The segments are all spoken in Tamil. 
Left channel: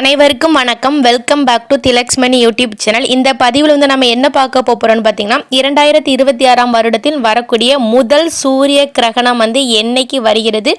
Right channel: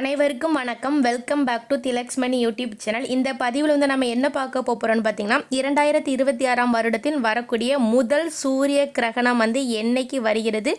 அனைவருக்கும் வணக்கம். Welcome back to Thilaksmani YouTube channel. இந்த பதிவில் வந்து நம்ம என்ன பார்க்க போகிறோம்னு பார்த்தீங்கன்னா 2026 வருடத்தில் வரக்கூடிய முதல் சூரிய கிரகணம் வந்து என்னைக்கு வருகிறது,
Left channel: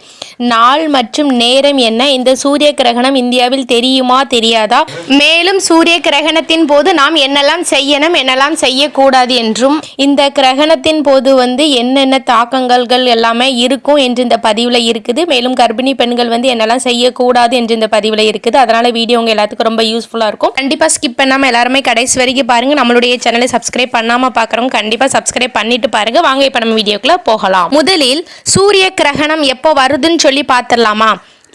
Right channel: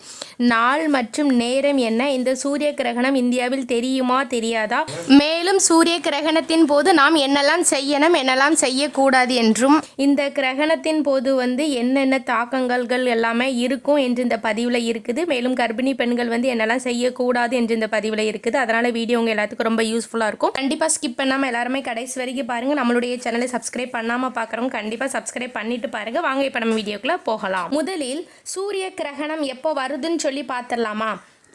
நாள் மற்றும் நேரம் என்ன, இந்த சூரிய கிரகணம் இந்தியாவில் தெரியுமா தெரியாதா, மேலும் சூரிய கிரகணத்தின் போது நாம் என்னெல்லாம் செய்யணும் என்னெல்லாம் செய்யக்கூடாது என்றும், இந்த கிரகணத்தின் போது வந்து என்னென்ன தாக்கங்கள் எல்லாமே இருக்கும் என்று இந்த பதிவில் இருக்குது. மேலும் கர்ப்பிணி பெண்கள் வந்து என்னெல்லாம் செய்யக்கூடாது என்று இந்த பதிவில் இருக்குது. அதனால வீடியோ உங்க எல்லாத்துக்கும் ரொம்ப யூஸ்ஃபுல்லா இருக்கும். கண்டிப்பா ஸ்கிப் பண்ணாம எல்லாருமே கடைசி வரைக்கும் பாருங்க. நம்மளுடைய சேனலை சப்ஸ்கிரைப் பண்ணாம பாக்குறவங்க கண்டிப்பா சப்ஸ்கிரைப் பண்ணிட்டு பாருங்க. வாங்க இப்ப நம்ம வீடியோக்குள்ள போகலாம். முதலில் சூரிய கிரகணம் எப்போ வருதுன்னு சொல்லி பார்த்துடலாமா?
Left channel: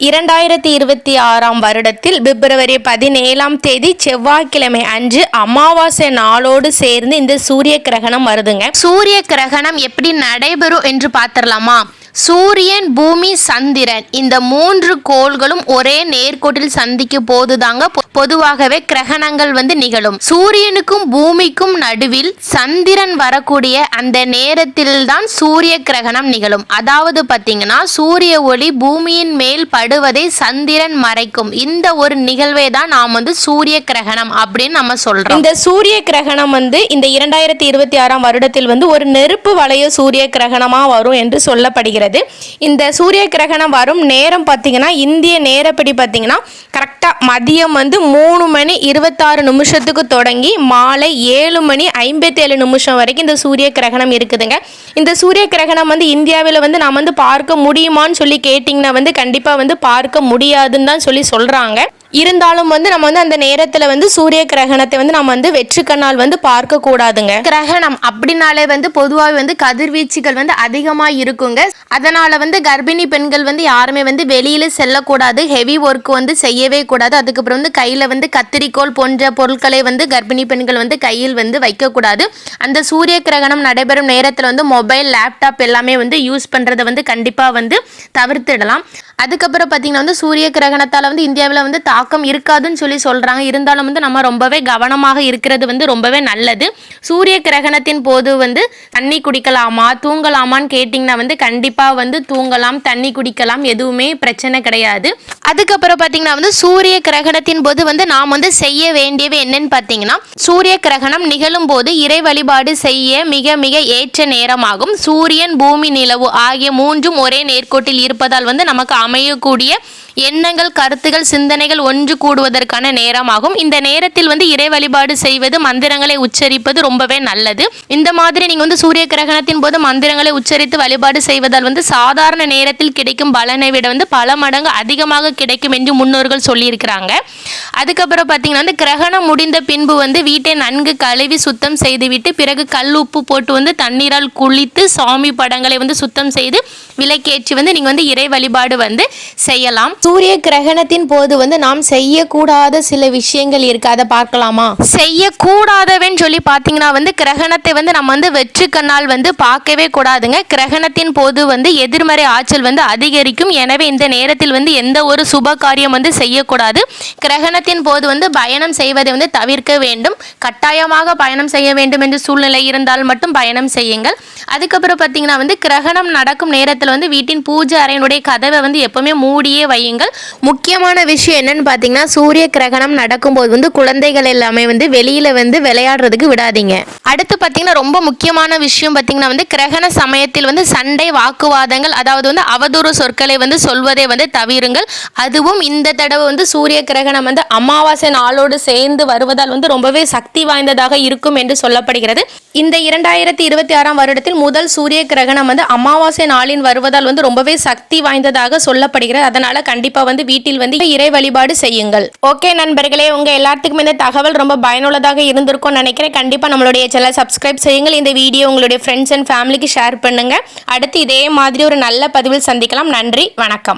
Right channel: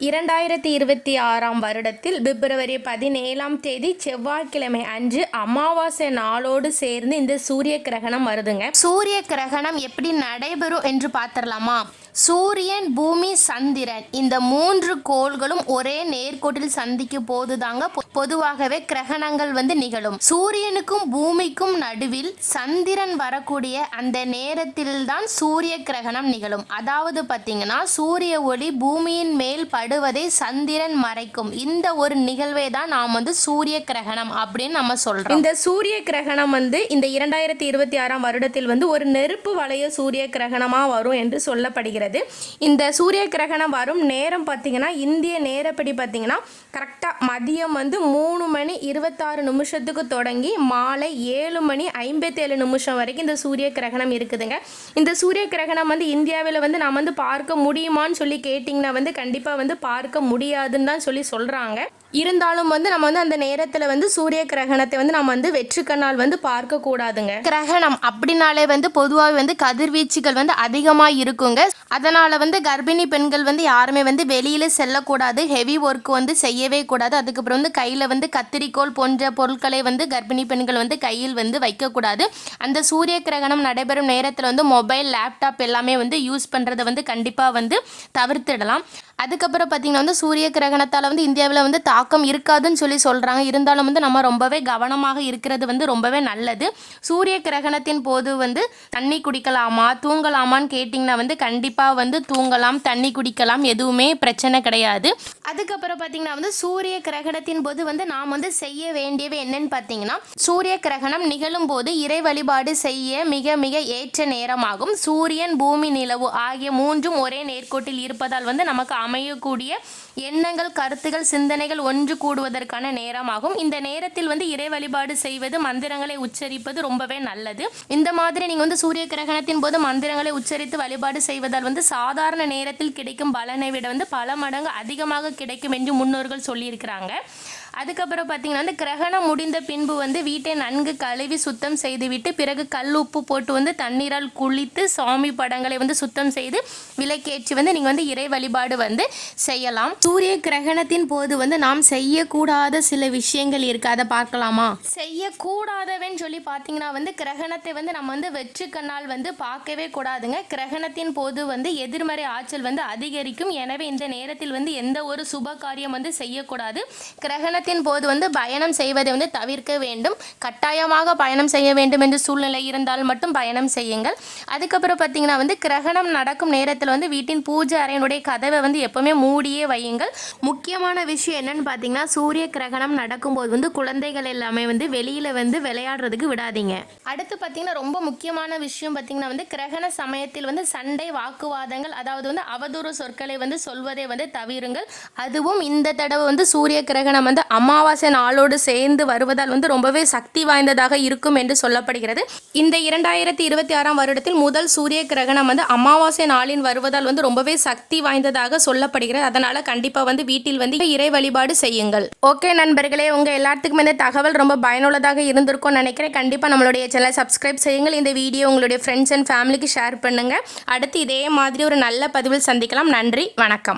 2026 வருடத்தில் பிப்ரவரி 17 செவ்வாய்க்கிழமை அன்று அமாவாசை நாளோடு சேர்ந்து இந்த சூரிய கிரகணம் வருதுங்க. சூரிய கிரகணம் எப்படி நடைபெறும் என்று பார்த்துடலாமா? சூரியன், பூமி, சந்திரன் இந்த 3 கோள்களும் ஒரே நேர்கோட்டில் சந்திக்கும் போதுதாங்க பொதுவாகவே கிரகணங்கள் வந்து நிகழும். சூரியனுக்கும் பூமிக்கும் நடுவில் சந்திரன் வரக்கூடிய அந்த நேரத்தில் தான் சூரிய கிரகணம் நிகழும். அதாவது பார்த்தீங்கன்னா சூரிய ஒளி பூமியின் மேல் படுவதை சந்திரன் மறைக்கும். இந்த ஒரு நிகழ்வை தான் நாம் வந்து சூரிய கிரகணம் அப்படின்னு நம்ம சொல்றோம். இந்த சூரிய கிரகணம் வந்து இந்த 2026 வருடத்தில் வந்து ஒரு நெருப்பு வளைய சூரிய கிரகணமா வரும் என்று சொல்லப்படுகிறது. இந்த சூரிய கிரகணம் வரும் நேரம் பார்த்தீங்கன்னா இந்திய நேரப்படி பார்த்தீங்கன்னா கரெக்டாக மதியம் வந்து 3:26 தொடங்கி மாலை 7:57 வரைக்கும் இந்த சூரிய கிரகணம் இருக்குதுங்க. இந்த சூரிய கிரகணம் வந்து இந்தியாவில் வந்து நாம் வந்து பார்க்க முடியுமான்னு சொல்லி கேட்டிங்கன்னா வந்து கண்டிப்பாக வந்து பார்க்க முடியாதுன்னு தான் சொல்கிறாங்க. இருந்தாலும் வந்து நம்ம வந்து அந்த நேரத்தில் வந்து சூரிய கிரகணத்தை வந்து நம்ம வந்து வெற்று கண்ணால் வந்து பார்க்க கூடாதுங்க. கிரகணம் அப்படின்னாலே வந்து பொதுவாக வந்து கதிர்வீச்சுகள் வந்து அதிகமாக இருக்குங்க. அதனால வந்து கர்ப்பிணி பெண்கள் வந்து யாருமே வந்து வெளியில செல்லக்கூடாது, ஹெவி ஒர்க் வந்து செய்யவே கூடாது. அதுக்கப்புறம் வந்து கையில் வந்து கத்திரிக்கோள் போன்ற பொருட்களை வந்து கர்ப்பிணி பெண்கள் வந்து கையில் வந்து வைக்கக்கூடாது. அந்த சூரிய கிரகணம் நடைபெறும் நேரத்தில் வந்து மொபைல், லேப்டாப் எல்லாமே வந்து யூஸ் பண்ணுறதை வந்து கண்டிப்பாக வந்து தவிர்த்திடலாம். அதுக்கப்புறம் பார்த்தீங்கன்னா வந்து சூரிய கிரகணத்தால் வந்து இந்தியாவில் வந்து தாக்கம் இருக்காதுன்னு சொல்கிறாங்க. இருந்தாலும் வந்து நம்ம ரொம்பவே கவனமாக இருக்கிறது வந்து ரொம்பவே நல்லது. சூரிய கிரகணத்தின் போது வந்து தண்ணி குடிக்கலாமா தூங்கலாமான்னு கேட்டிங்கன்னா வந்து கண்டிப்பாக வந்து தூங்கலாம், தண்ணி குடிக்கலாம், எதுவுமே பிரச்சனை கிடையாது. அதுக்கப்புறம் பார்த்தீங்கன்னா வந்து சூரிய கிரகணத்தின் போது வந்து நாம் வந்து செய்ய வேண்டியவை என்னன்னு பார்த்தீங்கன்னா, சூரிய கிரகணம் நிகழும் போது இறை வழிபாடு செய்ய மிக மிக ஏற்ற நேரமாகும். சூரியன், பூமி, நிலவு ஆகிய 3ம் ஒரே நேர்கோட்டில் இருப்பதால் வந்து நமக்கு அமையக்கூடிய எண்ணங்கள், கருத்துகள், சிந்தனைகள் ஒன்று கூடுவதற்கான நேரமாகும். இந்த நேரத்தில் வந்து இறை வழிபாடு செய்வது, மந்திரங்களை உச்சரிப்பது ரொம்பவே நல்லது. இந்த மாதிரி நீங்க வந்து சூரிய கிரகணத்தின் போது மந்திரங்களை உச்சரித்து வழிபாடு செய்வதால் வந்து சாதாரண நேரத்தில் கிடைக்கும் பலனை விட வந்து பல மடங்கு அதிகமாக கிடைக்கும் என்று முன்னோர்கள் சொல்லியிருக்கிறாங்க. அதுக்கப்புறம் பார்த்தீங்கன்னா வந்து கிரகணம் முடிந்த பின்பு வந்து வீட்டை நன்கு கழுவி சுத்தம் செய்துவிட்டு பிறகு கல் உப்பு போட்டு வந்து தண்ணீரால் குளித்து சாமி படங்களை வந்து சுத்தம் செய்து விளக்கேற்றி வந்து நீங்க வந்து இறை வழிபாடு வந்து செய்யலாம். சூரிய கிரகணத்தின் போது வந்து நாம் செய்யக்கூடாத சில விஷயங்கள் இருக்கு, அதை பார்க்கலாமா? செய்யக்கூடாதவன்னு சொல்லி பார்த்தீங்கன்னா வந்து கிரகணத்தை வந்து நம்ம வந்து வெற்று கண்ணால் வந்து பார்க்கவே கூடாதுங்க. கிரகணத்தின் போது வந்து எதிர்மறை ஆற்றல் வந்து அதிகரிக்கும். எனவே இந்த நேரத்தில் வந்து எந்த ஒரு சுப காரியம் வந்து செய்யக்கூடாது. கிரகணத்தின் போது வந்து பயணம் செய்வதை வந்து தவிர்க்க வேண்டும். கட்டாயமாக பயணம் செய்ய வேண்டும் என்று சூழ்நிலை இருந்தால் மட்டும் பயணம் செய்யுங்கள். அதுக்கப்புறம் பார்த்தீங்கன்னா வந்து கிரகணம் நடக்கும் நேரத்தில் வந்து வீட்டின் பூஜை அறையினுடைய கதவை வந்து எப்பவுமே மூடியே வையுங்கள். முக்கியமான விஷயம் என்னன்னு பார்த்தீங்கன்னா சூரிய கிரகணம் நடக்கும்போது வந்து குழந்தைகள் எல்லாமே வந்து வெளியில வந்து விளையாடுறதுக்கு விடாதீங்க. அடுத்து பார்த்தீங்கன்னா ரொம்ப முக்கியமான விஷயம் பார்த்தீங்கன்னா வந்து கிரகண சமயத்தில் வந்து சண்டை, வாக்குவாதங்கள், அதாவது வந்து அவதூறு சொற்களை வந்து சொல்வதை வந்து தவிருங்கள். அதுவும் இந்த தடவை வந்து சூரிய கிரகணம் வந்து அமாவாசை நாளோடு சேர்ந்து வருவதால் வந்து ரொம்பவே சக்தி வாய்ந்ததாக இருக்கும் என்று சொல்லப்படுகிறது. இந்த 2026 வருடத்தில் முதல் சூரிய கிரகணம் வந்து அமாவாசை நாளின் வருவதால் வந்து ரொம்பவே சக்தி வாய்ந்ததாக சொல்லப்படுகிறது. அதனால கண்டிப்பா வந்து வீட்டில் வந்து இறை வழிபாடு செய்யுங்கள். ஓகே நண்பர்களே, உங்க எல்லாத்துக்கும் இந்த தகவல் ரொம்ப பயனுள்ளதாக இருந்திருக்கும் நினைக்கிறேன். கண்டிப்பா நம்மளுடைய சேனலை சப்ஸ்கிரைப் செய்யுங்கள். இந்த வீடியோ உங்களுடைய ஃப்ரெண்ட்ஸ் அண்ட் ஃபேமிலிக்கு ஷேர் பண்ணுங்க. அடுத்து இதே மாதிரி ஒரு நல்ல பதிவில் சந்திக்கலாம். நன்றி, வணக்கம்.